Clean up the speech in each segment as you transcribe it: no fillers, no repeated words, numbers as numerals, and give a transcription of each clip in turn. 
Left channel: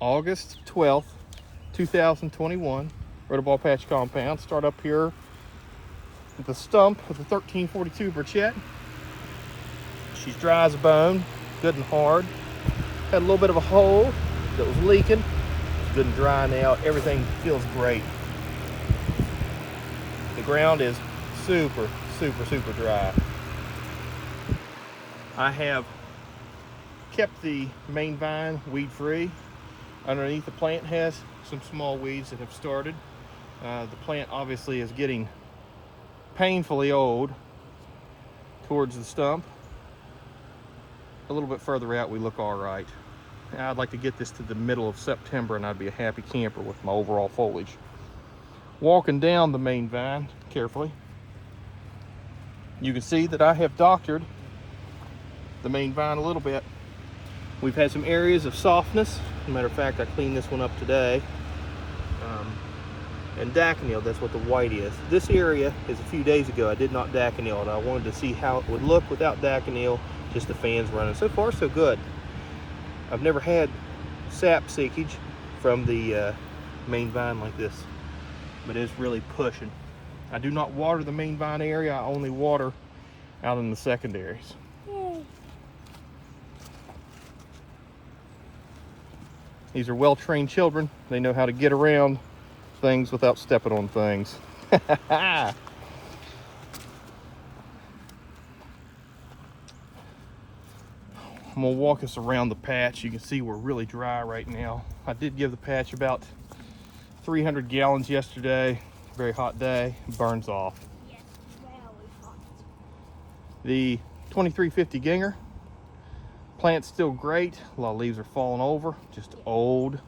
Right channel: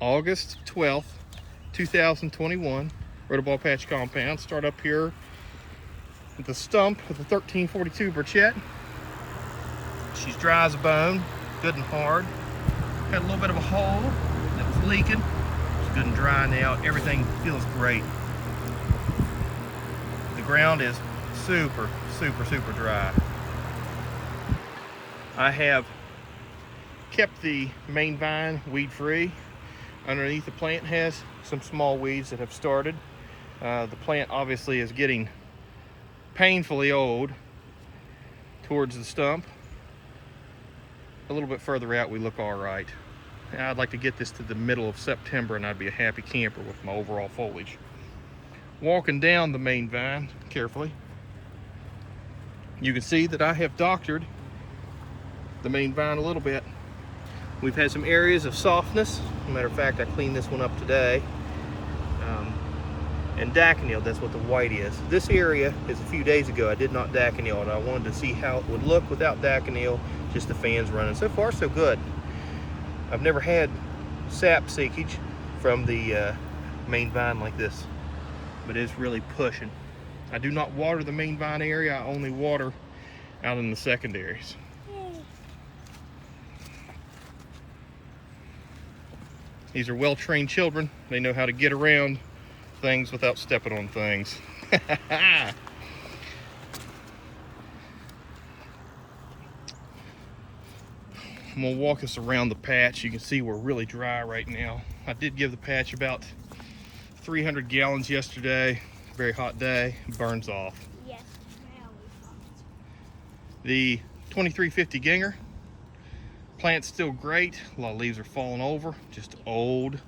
August 12th, 2021. Rotoball Patch Compound. Start up here with the stump with the 1342 Burchett. She's dry as a bone, good and hard. Had a little bit of a hole that was leaking. It's good and dry now. Everything feels great. The ground is super dry. I have kept the main vine weed free. Underneath the plant has some small weeds that have started. The plant obviously is getting painfully old towards the stump. A little bit further out we look all right. I'd like to get this to the middle of September and I'd be a happy camper with my overall foliage. Walking down the main vine carefully, you can see that I have doctored the main vine a little bit. We've had some areas of softness. As a matter of fact, I cleaned this one up today. And daconil, that's what the white is. This area is a few days ago I did not daconil, and I wanted to see how it would look without daconil, just the fans running. So far so good. I've never had sap seepage from the main vine like this, but it's really pushing. I do not water the main vine area, I only water out in the secondaries. These are well-trained children. They know how to get around things without stepping on things. I'm gonna walk us around the patch. You can see we're really dry right now. I did give the patch about 300 gallons yesterday. Very hot day, burns off. Yes, very hot. The 2350 Ginger. Plant's still great. A lot of leaves are falling over, just old.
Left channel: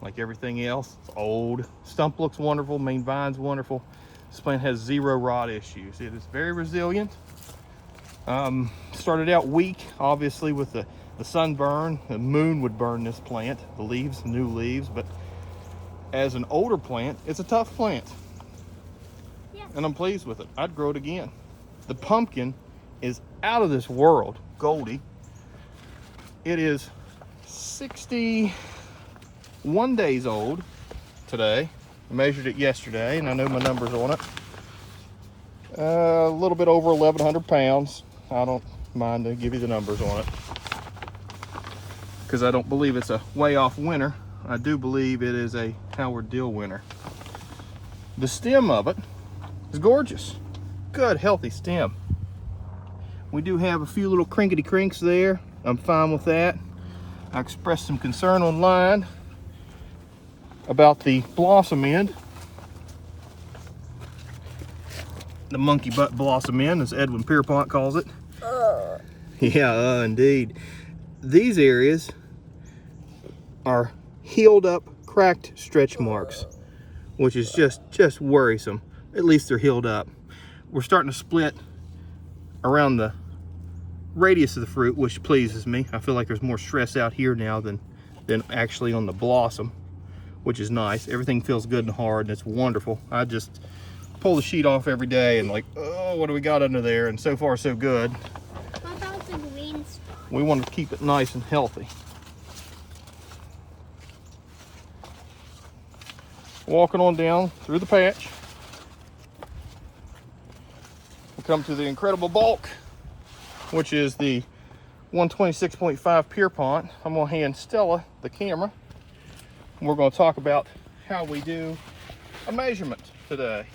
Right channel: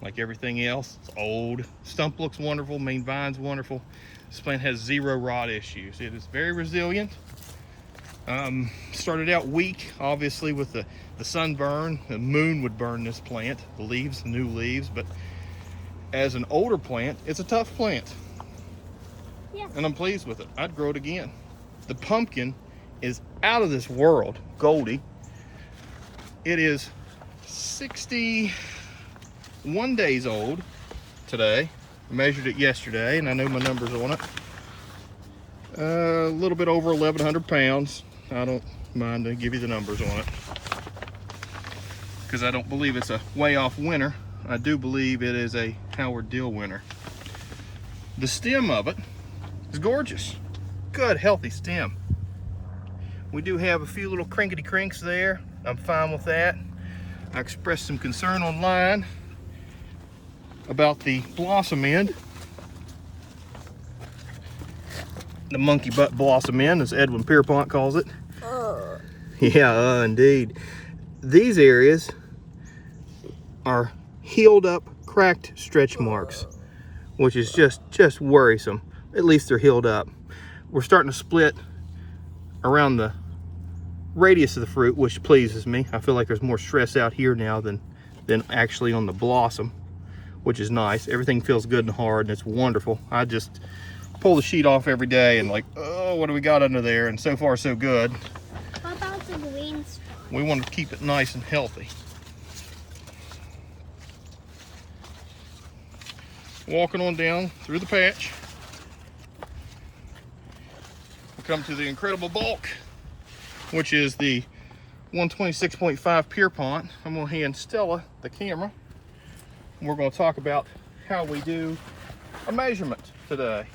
Like everything else, it's old. Stump looks wonderful, main vine's wonderful. This plant has zero rot issues. It is very resilient. Started out weak, obviously, with the sunburn. The moon would burn this plant, the leaves, new leaves, but as an older plant, it's a tough plant. Yeah. And I'm pleased with it. I'd grow it again. The pumpkin is out of this world, Goldie. It is 61 days old today. I measured it yesterday and I know my numbers on it. A little bit over 1,100 pounds. I don't mind to give you the numbers on it because I don't believe it's a way off winner. I do believe it is a Howard Dill winner. The stem of it is gorgeous. Good, healthy stem. We do have a few little crinkety crinks there. I'm fine with that. I expressed some concern online about the blossom end. The monkey butt blossom end, as Edwin Pierpont calls it. Yeah, indeed. These areas are healed up, cracked stretch marks, which is just worrisome. At least they're healed up. We're starting to split around the radius of the fruit, which pleases me. I feel like there's more stress out here now than actually on the blossom, which is nice. Everything feels good and hard and it's wonderful. I just pull the sheet off every day and like, oh, what do we got under there? And so far so good. What about the green spot? We want to keep it nice and healthy. Walking on down through the patch, we come to the incredible bulk, which is the 126.5 Pierpont. I'm gonna hand Stella the camera. And we're gonna talk about how we do a measurement today.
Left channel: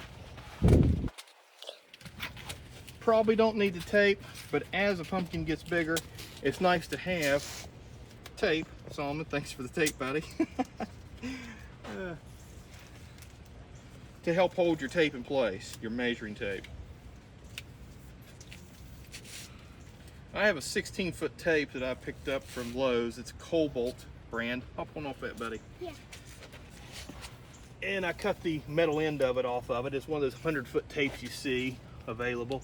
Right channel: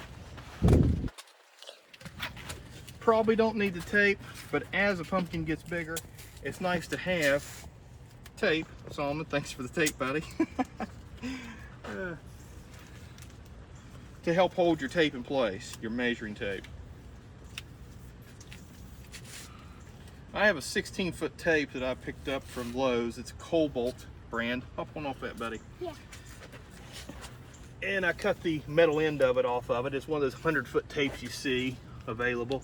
Probably don't need the tape, but as a pumpkin gets bigger, it's nice to have tape. Solomon, thanks for the tape, buddy. To help hold your tape in place, your measuring tape. I have a 16-foot tape that I picked up from Lowe's. It's a Cobalt brand. Hop on off that, buddy. Yeah. And I cut the metal end of it off of it. It's one of those 100-foot tapes you see available.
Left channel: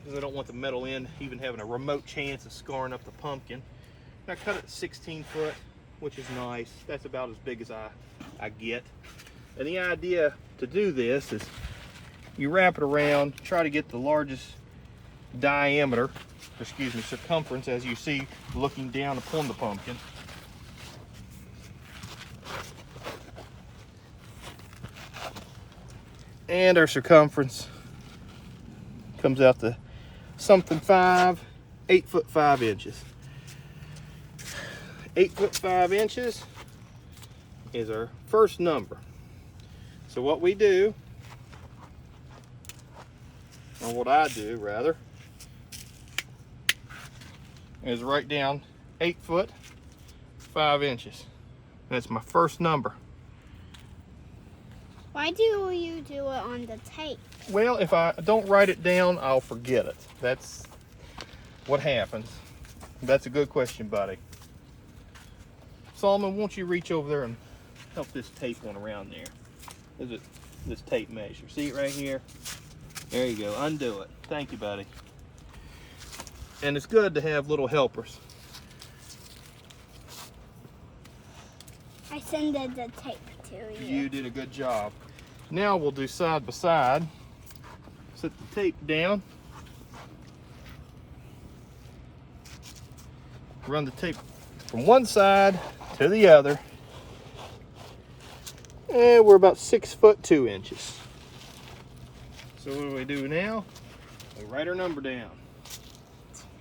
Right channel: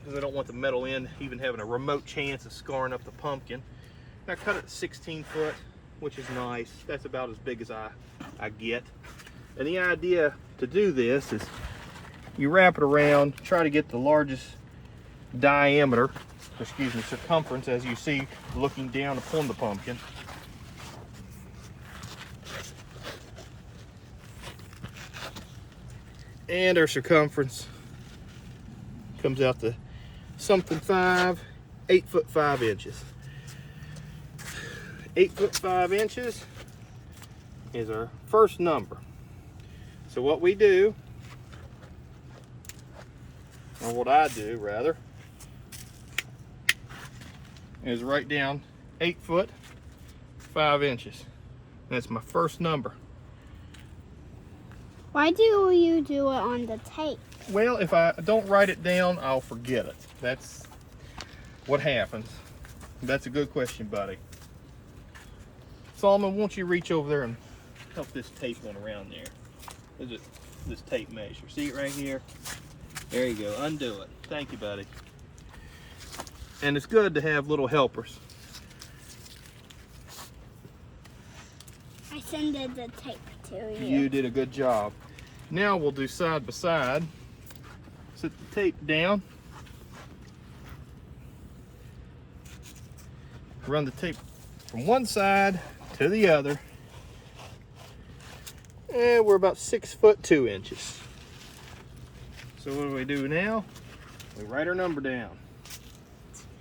Because I don't want the metal end even having a remote chance of scarring up the pumpkin. And I cut it 16 foot, which is nice. That's about as big as I get. And the idea to do this is you wrap it around, try to get the largest diameter excuse me, circumference, as you see looking down upon the pumpkin. And our circumference comes out to something 8 foot 5 inches. 8 foot 5 inches is our first number. So what we do, or what I do rather, is write down 8 foot 5 inches. That's my first number. Why do you do it on the tape? Well, if I don't write it down, I'll forget it. That's what happens. That's a good question, buddy. Solomon, won't you reach over there and help this tape one around there? This tape measure. See it right here? There you go. Undo it. Thank you, buddy. And it's good to have little helpers. I sent the tape to you. You did a good job. Now we'll do side by side. Set the tape down. Run the tape from one side to the other. And we're about 6 foot 2 inches. So what do we do now? We write our number down.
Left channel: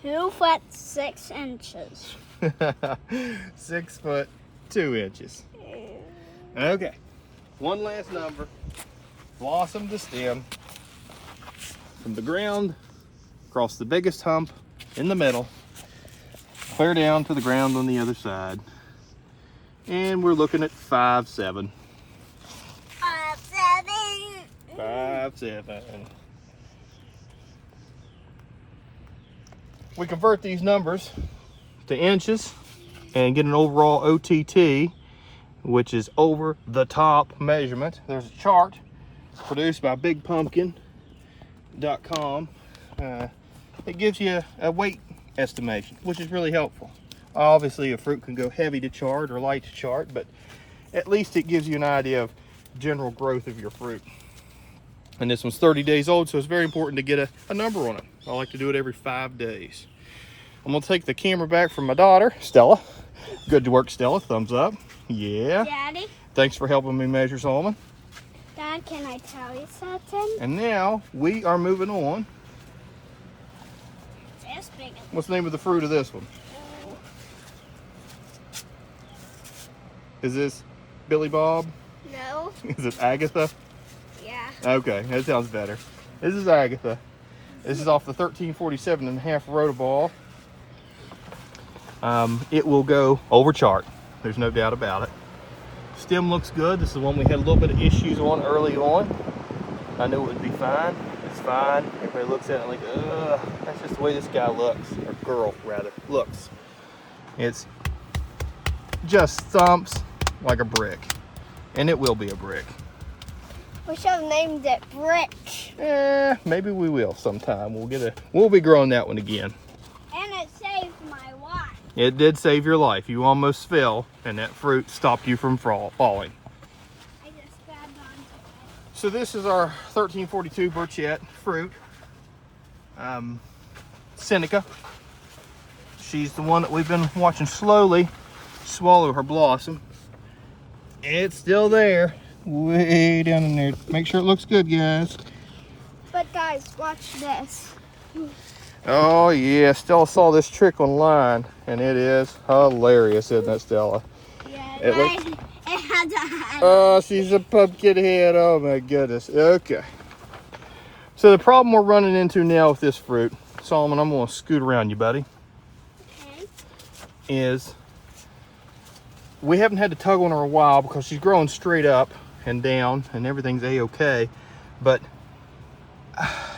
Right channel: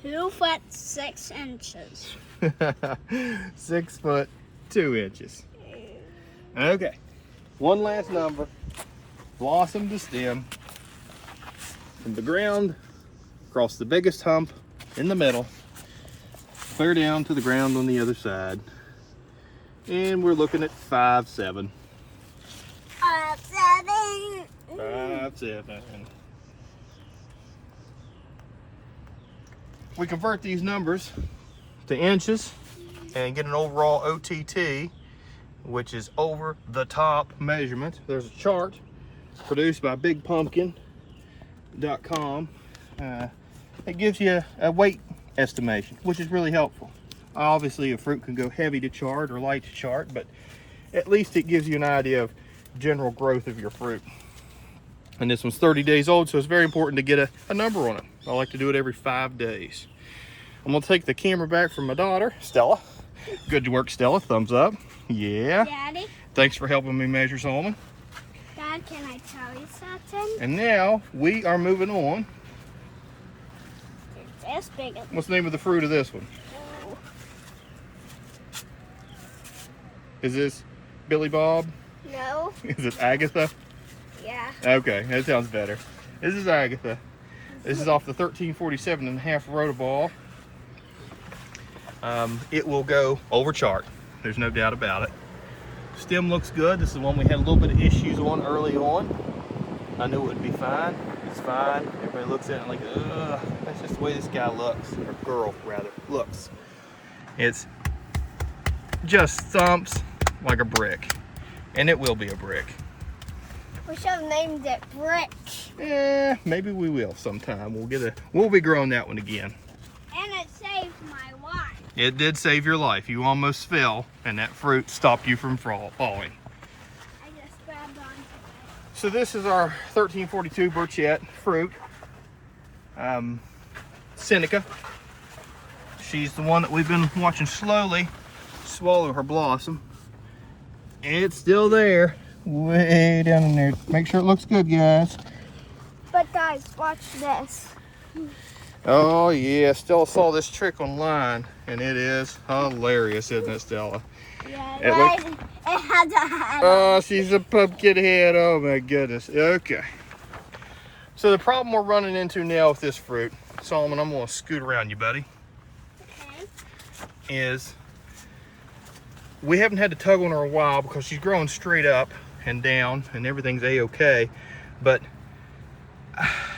2 foot 6 inches. 6 foot 2 inches. Okay. One last number. Blossom to stem. From the ground, across the biggest hump in the middle, clear down to the ground on the other side. And we're looking at 5'7". 5'7". 5'7". We convert these numbers to inches and get an overall OTT, which is over the top measurement. There's a chart produced by BigPumpkin.com. It gives you a weight estimation, which is really helpful. Obviously, a fruit can go heavy to chart or light to chart, but at least it gives you an idea of general growth of your fruit. And this one's 30 days old, so it's very important to get a number on it. I like to do it every 5 days. I'm gonna take the camera back from my daughter, Stella. Good work, Stella. Thumbs up. Yeah. Daddy? Thanks for helping me measure, Solomon. Dad, can I tell you something? And now we are moving on. This big. What's the name of the fruit of this one? Oh. Is this Billy Bob? No. Is it Agatha? Yeah. Okay, that sounds better. This is Agatha. This is off the 1347.5 Rotoball. It will go over chart. There's no doubt about it. Stem looks good. This is the one we had a little bit of issues on early on. I knew it would be fine. It's fine. Everybody looks at it like, ugh, that's just the way this guy looks, or girl rather, looks. It's just thumps like a brick. And it will be a brick. We should have named it Brick. Maybe we will sometime. We'll be growing that one again. And it saved my life. It did save your life. You almost fell, and that fruit stopped you from falling. I just grabbed on. So this is our 1342 Burchett fruit. Seneca. She's the one that we've been watching slowly swallow her blossom. It's still there, way down in there. Make sure it looks good, guys. But guys, watch this. Oh yeah, Stella saw this trick online, and it is hilarious, isn't it, Stella? Yeah, It guys, it has a hat. Oh, she's a pumpkin head. Oh my goodness. Okay. So the problem we're running into now with this fruit, Solomon, I'm gonna scoot around you, buddy, Okay. is we haven't had to tug on her a while because she's growing straight up and down and everything's a-okay, but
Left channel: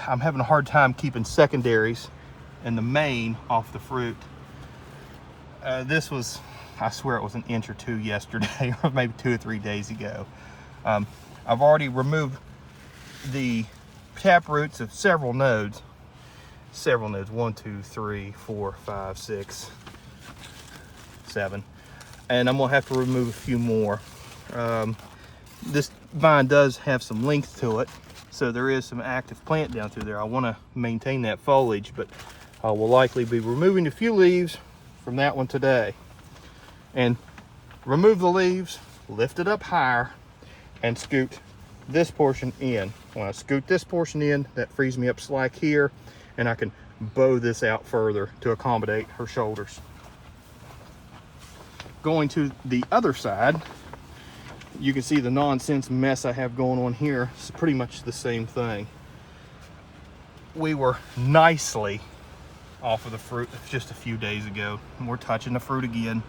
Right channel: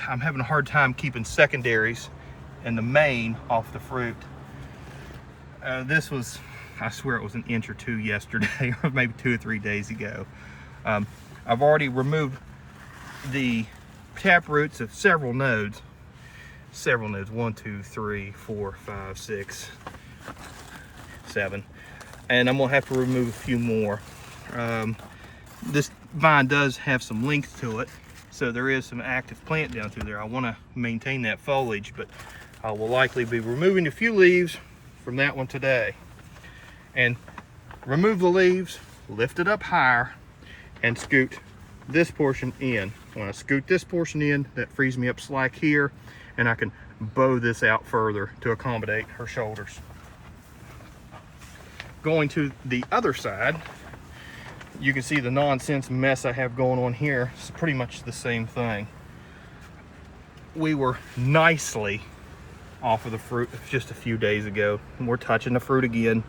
I'm having a hard time keeping secondaries and the main off the fruit. This was, I swear it was an inch or two yesterday, or maybe 2 or 3 days ago. I've already removed the tap roots of several nodes. 1, 2, 3, 4, 5, 6, 7. And I'm gonna have to remove a few more. This vine does have some length to it, so there is some active plant down through there. I wanna maintain that foliage, but I will likely be removing a few leaves from that one today. And remove the leaves, lift it up higher, and scoot this portion in. When I scoot this portion in, that frees me up slack here, and I can bow this out further to accommodate her shoulders. Going to the other side, you can see the nonsense mess I have going on here. It's pretty much the same thing. We were nicely off of the fruit just a few days ago, and we're touching the fruit again.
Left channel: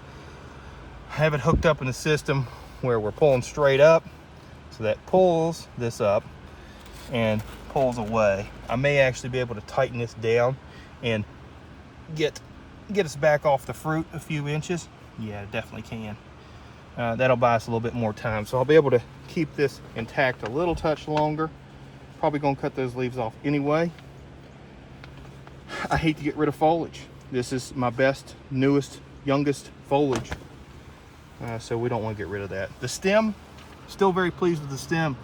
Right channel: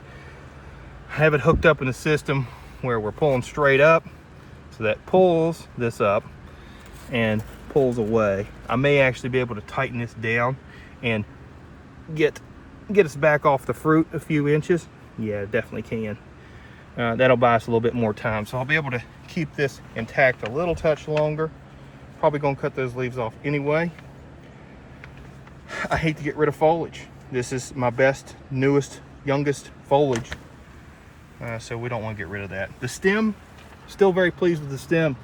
Have it hooked up in the system where we're pulling straight up, so that pulls this up and pulls away. I may actually be able to tighten this down and get us back off the fruit a few inches. Yeah, definitely can. That'll buy us a little bit more time, so I'll be able to keep this intact a little touch longer. Probably gonna cut those leaves off anyway. I hate to get rid of foliage. This is my best, newest, youngest foliage. So we don't want to get rid of that. The stem, still very pleased with the stem.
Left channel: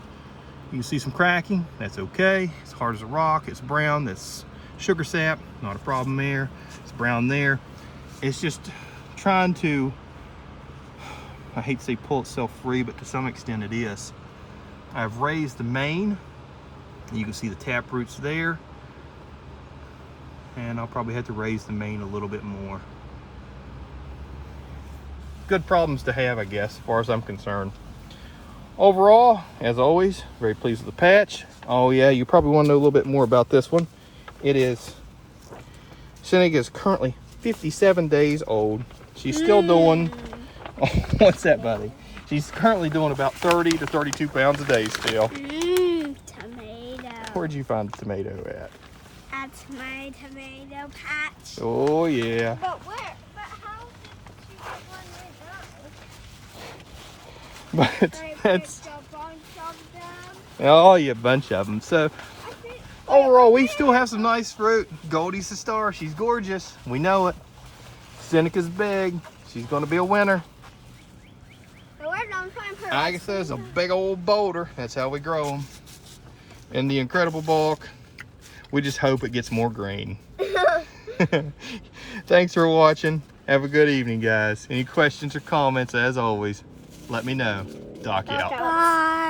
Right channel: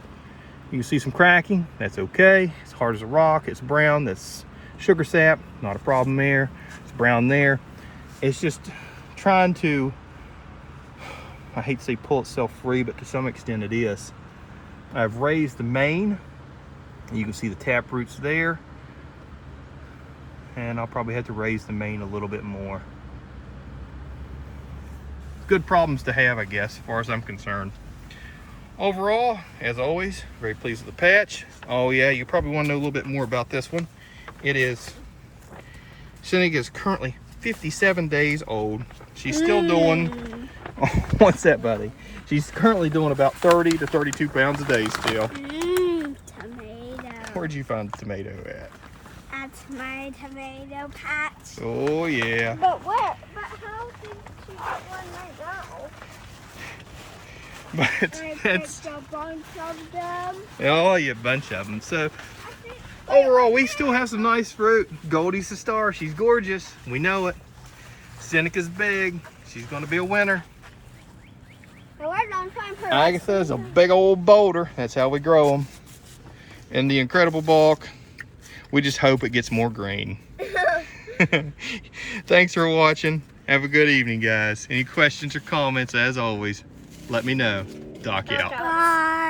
You can see some cracking, that's okay. It's hard as a rock, it's brown, that's sugar sap, not a problem there. It's brown there. It's just trying to, I hate to say pull itself free, but to some extent it is. I've raised the main. You can see the tap roots there. And I'll probably have to raise the main a little bit more. Good problems to have, I guess, as far as I'm concerned. Overall, as always, very pleased with the patch. Oh yeah, you probably want to know a little bit more about this one. Seneca is currently 57 days old. She's still doing, oh, what's that, buddy? She's currently doing about 30 to 32 pounds a day still. Tomato. Where'd you find the tomato at? That's my tomato patch. Oh yeah. But where? But how did she get one But that's a bunch of them. oh yeah, bunch of them. So overall, we still have some nice fruit. Goldie's the star. She's gorgeous. We know it. Seneca's big. She's going to be a winner. So we're gonna find her. Agatha's a big old boulder. That's how we grow them. And the incredible bulk. We just hope it gets more green. Thanks for watching. Have a good evening, guys. Any questions or comments, as always, let me know. Doc out. Bye.